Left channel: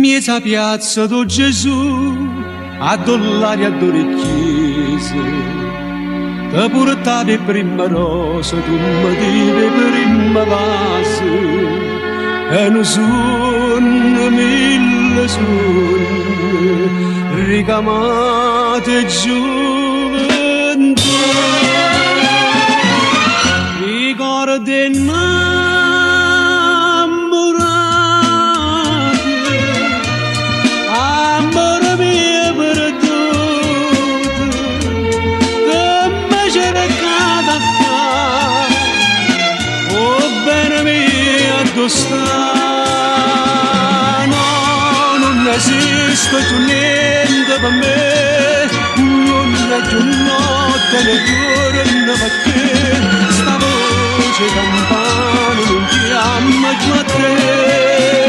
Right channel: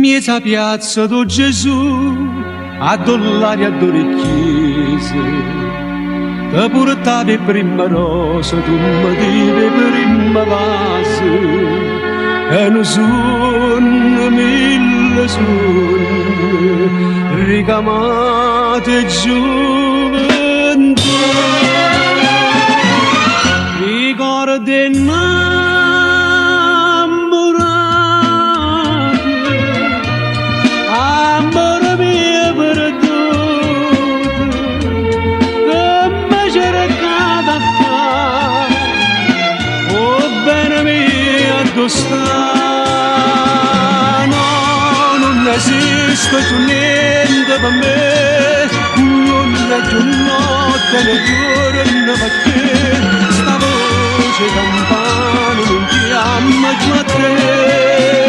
Miesa piazza do Gesù, a dollari a d'orecchiese, te portavi prima rosa, tu mi divi prima vase, e non sono mille sogni, ricamate gioventù, ricordi no, non esiste più niente per me, non è più notte né giorno per te, sta voce campana non chiama giù a te.